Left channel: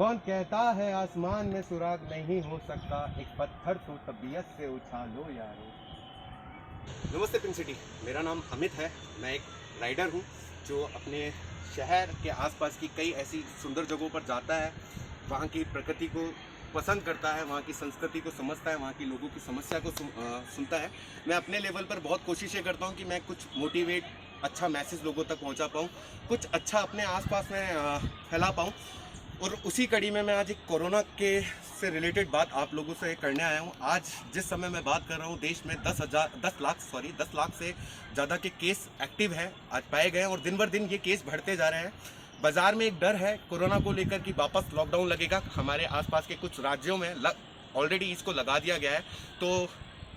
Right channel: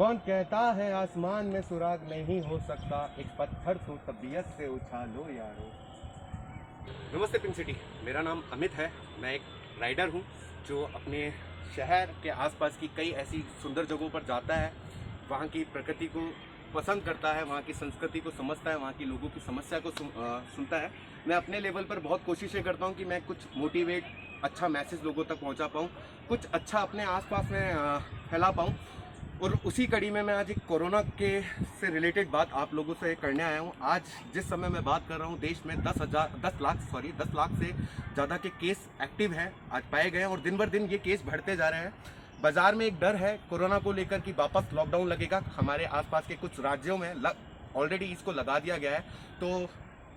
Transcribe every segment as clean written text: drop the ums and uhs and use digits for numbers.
कौन कहता है आसमान में सुराग नहीं हो सकता, एक पत्थर तो तबीयत से उछालो यारो। नमस्ते पिंक सिटी, मेरा नाम अमित है। मैं एक राइडर हूँ जो अपने शहर के आसपास की कई ऐसी सुंदर जगहों पर जाता है, वहाँ की प्रकृति को पसंद करता है, वहाँ की संस्कृति को समझता है, वहाँ की लोगों की समस्या को सुनता है। मैं अपने लेवल पर बहुत कोशिशें करता हूँ कि मैं कुछ मोटिवेट अच्छा मैसेज लोगों तक पहुँचा पाऊँ, कुछ अच्छा अपने आसपास में फैला पाऊँ। और उसी कड़ी में मैं आज एक कोरोना के से रिलेटेड बात आप लोगों से करने आया हूँ। आज जिस समय मैं बात कर रहा हूँ, देश में 10 लाख से ज़्यादा के केस एक्टिव हैं, आज पाए गए हैं और दिन बर दिन ये केस बढ़ते जा रहे हैं। बाज़ार में एक डर है कोरोना को लेकर कि वापस लॉकडाउन लगेगा। हमारे आसपास के कुछ राज्यों में ऑलरेडी इसको लगा दिया गया है। तो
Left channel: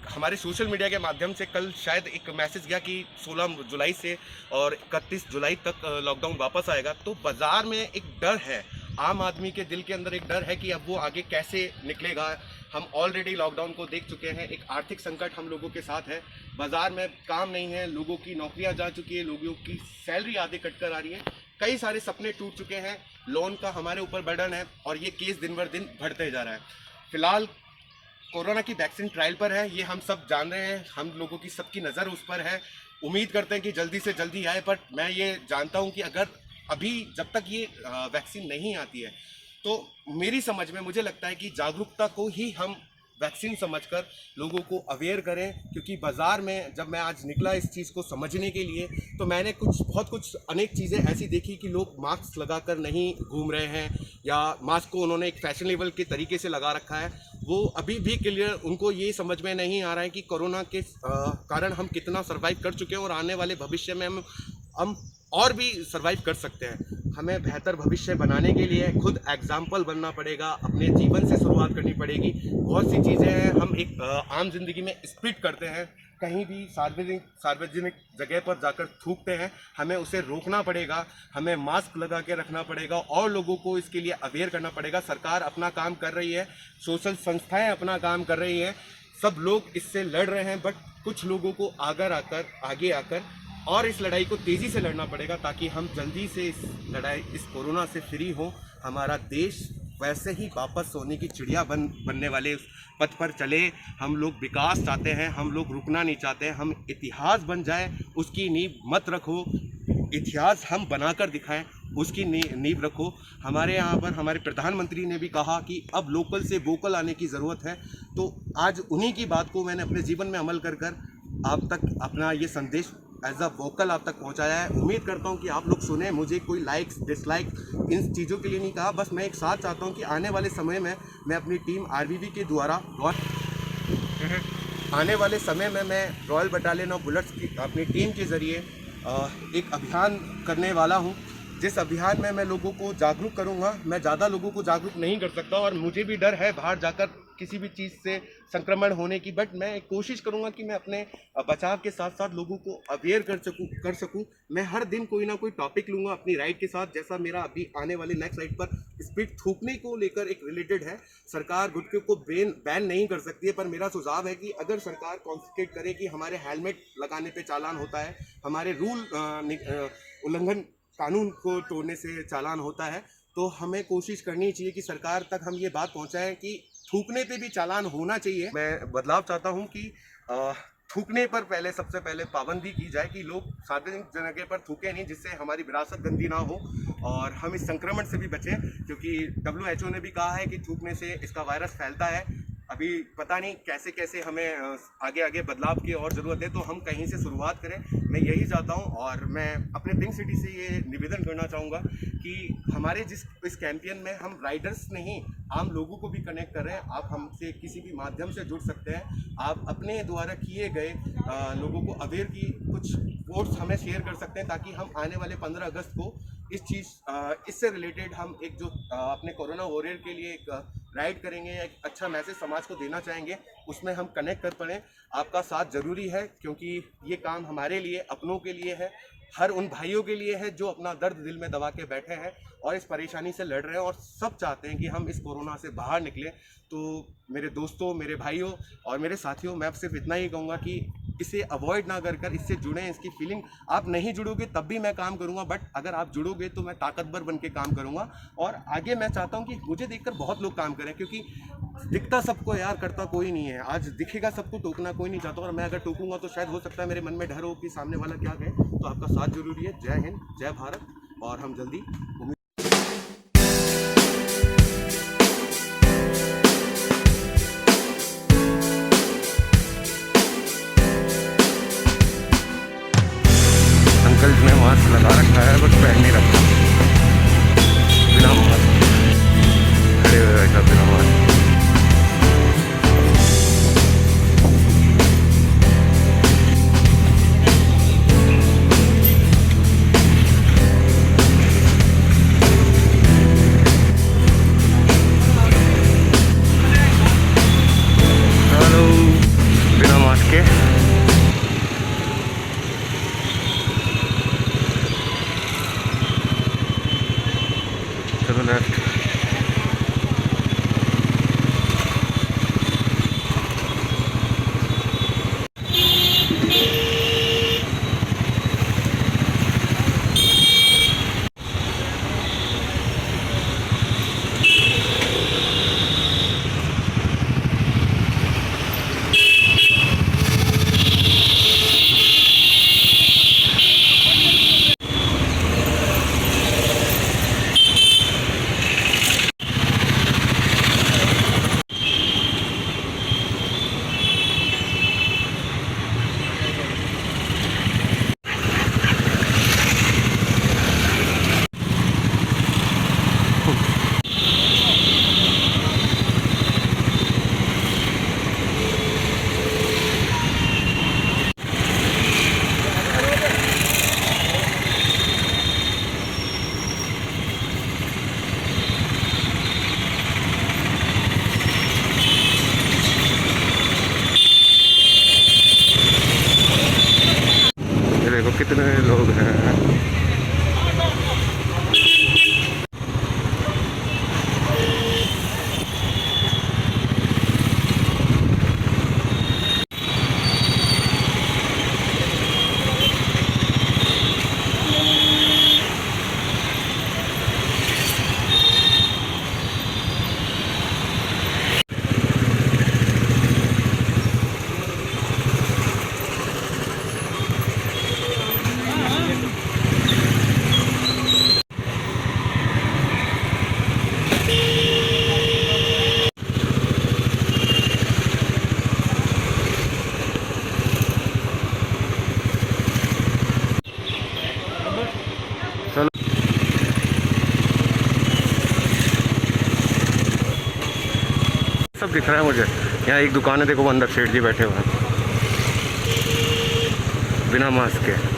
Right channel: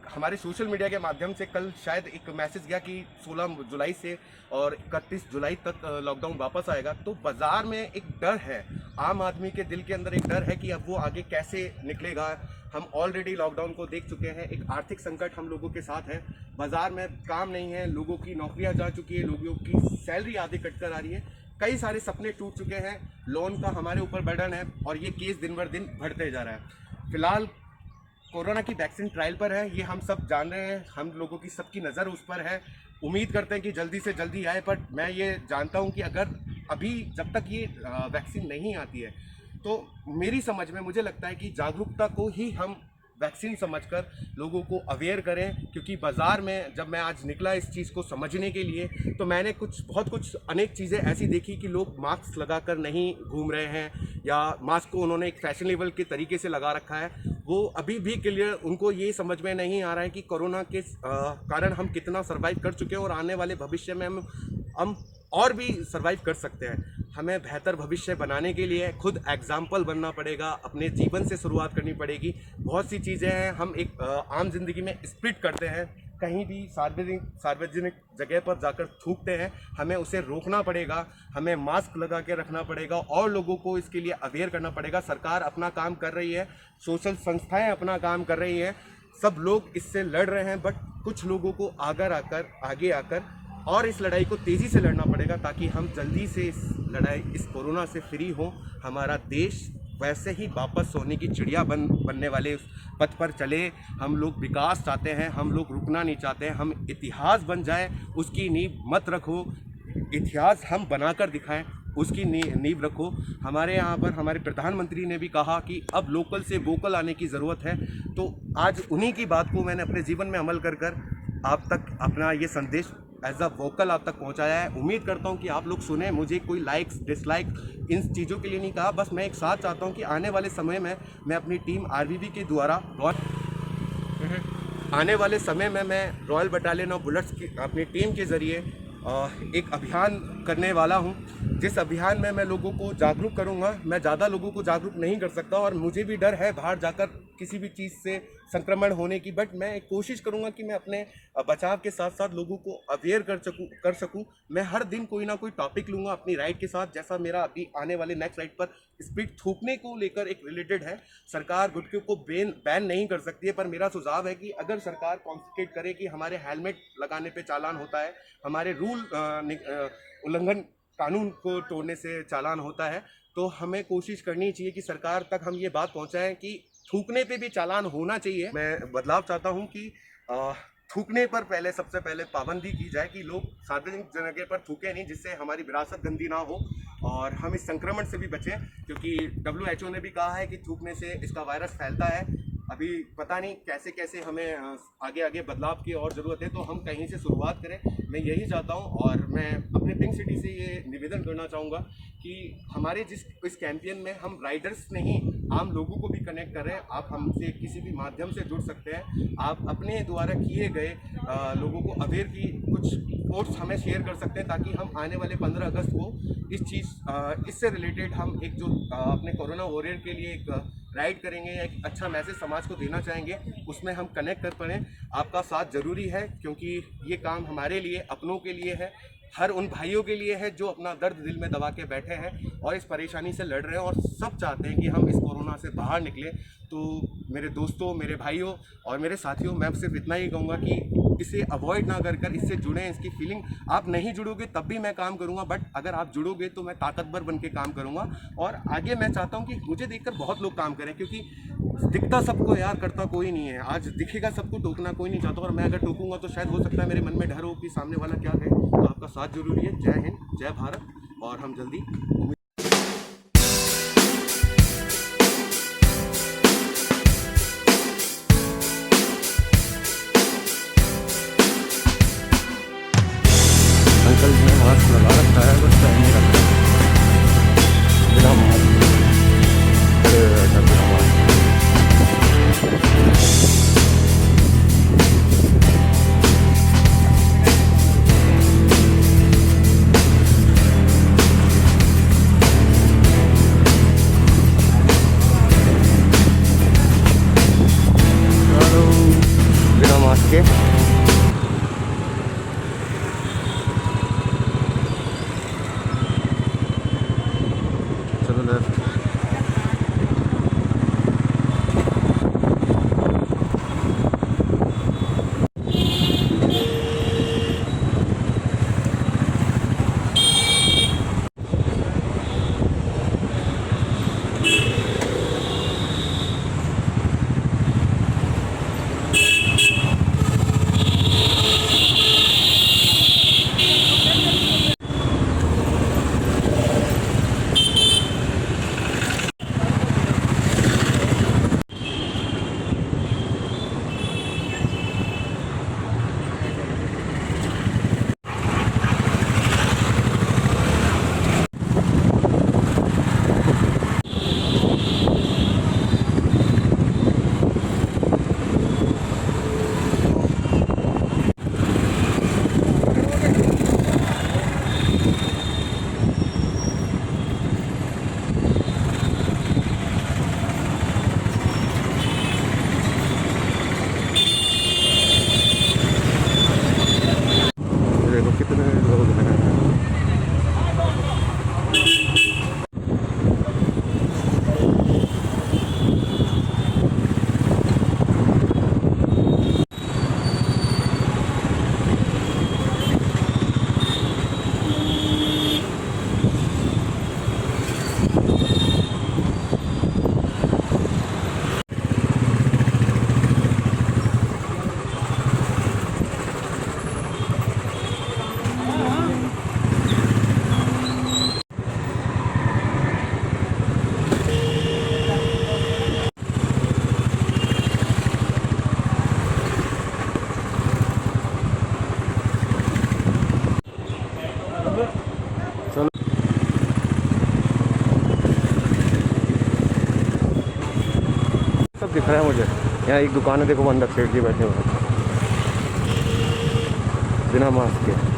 हमारे सोशल मीडिया के माध्यम से कल शायद एक मैसेज गया कि 16 जुलाई से और 31 जुलाई तक लॉकडाउन वापस आएगा। तो बाज़ार में एक डर है, आम आदमी के दिल के अंदर एक डर है कि अब वो आगे कैसे निकलेगा। हम ऑलरेडी लॉकडाउन को देख चुके हैं, एक आर्थिक संकट हम लोगों के साथ है, बाज़ार में काम नहीं है, लोगों की नौकरियां जा चुकी है, लोगों की सैलरी आधे कट कर आ रही है, कई सारे सपने टूट चुके हैं, लोन का हमारे ऊपर बर्डन है और ये केस दिन बर दिन बढ़ते जा रहा है। फिलहाल कोरोना की वैक्सीन ट्रायल पर है, ये हम सब जान रहे हैं, हम लोगों की सबकी नज़र उस पर है। उम्मीद करते हैं कि जल्दी से जल्दी आए, पर मैं ये जानता हूँ कि अगर अभी जब तक ये वैक्सीन नहीं आती है तो मेरी समझ में मुझे लगता है कि जागरूकता को ही हम वैक्सीन समझकर लोगों को अवेयर करें। क्योंकि बाज़ार में जब मैं आज निकला इस चीज़ को समझने के लिए, तो मैंने बहुत कुछ अनेक चीज़ें ऐसी देखी कि लोग मास्क लगाकर नहीं घूम रहे हैं या मास्क को उन्होंने एक फैशनेबल के तरीके से लगा रखा है। वो अभी भी क्लियर उनको ये समझ में नहीं आ रहा है कि कोरोना के कारण हम कितना सर्वाइव कर चुके हैं और आने वाले भविष्य में हम और भी सर्वाइव कर सकते हैं। हमें बेहतर भविष्य बनाने के लिए खुद एग्जाम्पल बनना पड़ेगा, अपने जीवन से शुरुआत करनी पड़ेगी। बहुत सी चीज़ें हैं, हम एक आम जिंदगी में स्प्लिट करते हैं, कहीं भी सार्वजनिक जगह पर जाकर थूकते हैं, हमें उसे रोकना पड़ेगा, हमें मास्क लगा के रखना पड़ेगा और लोगों को इसके लिए अवेयर करना पड़ेगा। सरकार अपना काम कर रही है, सोशल संस्थाएं अपना काम कर रही हैं, सब लोग इससे लड़ रहे हैं, बट कुछ लोगों को आगे आकर और इस लड़ाई को तेज़ी से लड़ना पड़ेगा ताकि हम जल्दी से इस कोरोना से फ्री हों। हमारा देश वैसे ही वापस सोने की चिड़िया बनने वाले उस पथ पर चले। हम लोग विकास चाहते हैं, हम लोग रुकना नहीं चाहते हैं, हम इतिहास बन जाए उसकी नींव मत रखो, इतिहास हम बनाकर दिखाएं उसकी नींव रखो। हमारे यहाँ पर हमारे प्रधानमंत्री ने भी कहा कि अब लोकल से वोकल आने की ज़रूरत है। तो आज उन्हीं की बात को मैंने अपने जीवन में अमल कर आप तक अपना ये संदेश एज अ वोकल आप तक पहुंचाया है। उम्मीद करता हूं कि आप लोग सुने। मुझे कोई लाइक्स डिसलाइक इन चीज़ों के लिए नहीं कहा, बस मैं एक साथ चाहता हूं कि आने वाले समय में मैं अपनी टीम आरबीबी के द्वारा आने वाले समय में मैं रॉयल बटालियन ऑफ बुलेट्स की अपनी टीम के ज़रिए एक अभियान करने वाला हूं, जिस अभियान में मैं लोगों को जागरूक करूंगा। मैं ज़्यादा लोगों को जागरूक नहीं कर सकता और मुझे भी डर है बाहर जाकर किसी भी चीज़ से संक्रमण होने की, बट मैं कोशिश करूंगा कि मैं अपने बचाव के साथ साथ लोगों को अवेयर कर सकूं। मैं हर दिन कोई ना कोई टॉपिक लूँगा अपनी राइड के साथ, जैसा मेरा अभी आने वाले नेक्स्ट राइड पर स्पीड थूकने को लेकर एक रिलेटेड है। सरकार गुटखे को बैन नहीं कर सकती है, पर मेरा सुझाव है कि अगर सरकार कॉन्सेंट्रेट करे कि हमारे हेलमेट लगाने पे चालान होता है, हमारे रूल उल्लंघन कानून को तोड़ने से चालान होता है, तो हमें कोशिश करनी चाहिए कि सरकार तक हम ये बात पहुंचाएं कि थूकने पे भी चालान होना चाहिए। मैं बदलाव चाहता हूं कि थूकने पर सबसे पहले पाबंदी की जाए कि लोग सार्वजनिक जगह पर थूके नहीं, जिससे हमारी विरासत गंदी ना हो और हम इस संक्रमण से भी बचें। क्योंकि WHO ने भी कहा है कि थूकने से इसका वायरस फैलता है। अभी पता नहीं कैसे कैसे हमें आगे बदलाव की और ज़रूरत है, तो हम कहीं से शुरुआत करें। मैं यही चाहता हूं और मैं अपने पिंक सिटी से ये निवेदन करना चाहूँगा कि हमारे इस कैंपेन में हम राइडर्स नहीं, आम लोगों को भी कनेक्ट करें। आप हमसे किसी भी माध्यम से जुड़ सकते हैं, आप अपने द्वारा किए गए लोगों को अवेयर की कुछ पोस्ट हमें शेयर कर सकते हैं, ताकि हम आने वाले 15 अगस्त को इससे रिलेटेड हम एक जो अपने कोरोना वॉरियर के लिए एक राइड करेंगे, एक अच्छा मैसेज समाज को देना चाहेंगे, उसमें हम कनेक्ट कर पाएँ। आपका साथ ज़रूरी है क्योंकि ये काम हमारे लिए, अपनों के लिए है, हर उन भाइयों के लिए है जो अपना दर्द दिल में दबा के बैठे हैं और इस परेशानी से लड़ रहे हैं और सब चाहते हैं कि हम इस कोरोना से बाहर निकलें। तो मेरे दोस्तों, मेरे भाइयों और मेरे साथियों, मैं सिर्फ इतना ही कहूँगा कि इसे अवॉइड ना कर कर इससे जुड़ें। इसकी फीलिंग, आप नहीं जुड़ोगे तब भी मैं काम करूँगा, बट अगर आप जुड़ोगे तो मैं ताकतवर बन के काम करूँगा। और आगे मैं चाहता हूँ कि मुझे देखकर बहुत लोग काम करें, क्योंकि दिखता सबको यार, करता कोई नहीं है। आज दिखेगा सबको, टोकना कोई नहीं चाहता, और मैं अगर टोकूंगा तो शायद हो सकता है मेरे मन में डर हो कि सामने वाला क्या कहे। तो आपका साथ जरूरी है। जय हिंद, जय भारत, और हम जल्दी अंकल ने मास्क लगा रखा है, बट पहन नहीं रखा, बिना मास्क खड़े हुए बैठा बिना मास्क। हेलो, बिना मास्क के चलो लेफ्ट। देखो कितने लोग हैं। चलो सब दिख रहा है मुझे। यहाँ एक दुकान है, देखो अंदर सेठ जी बैठे हुए हैं बिना मास्क के।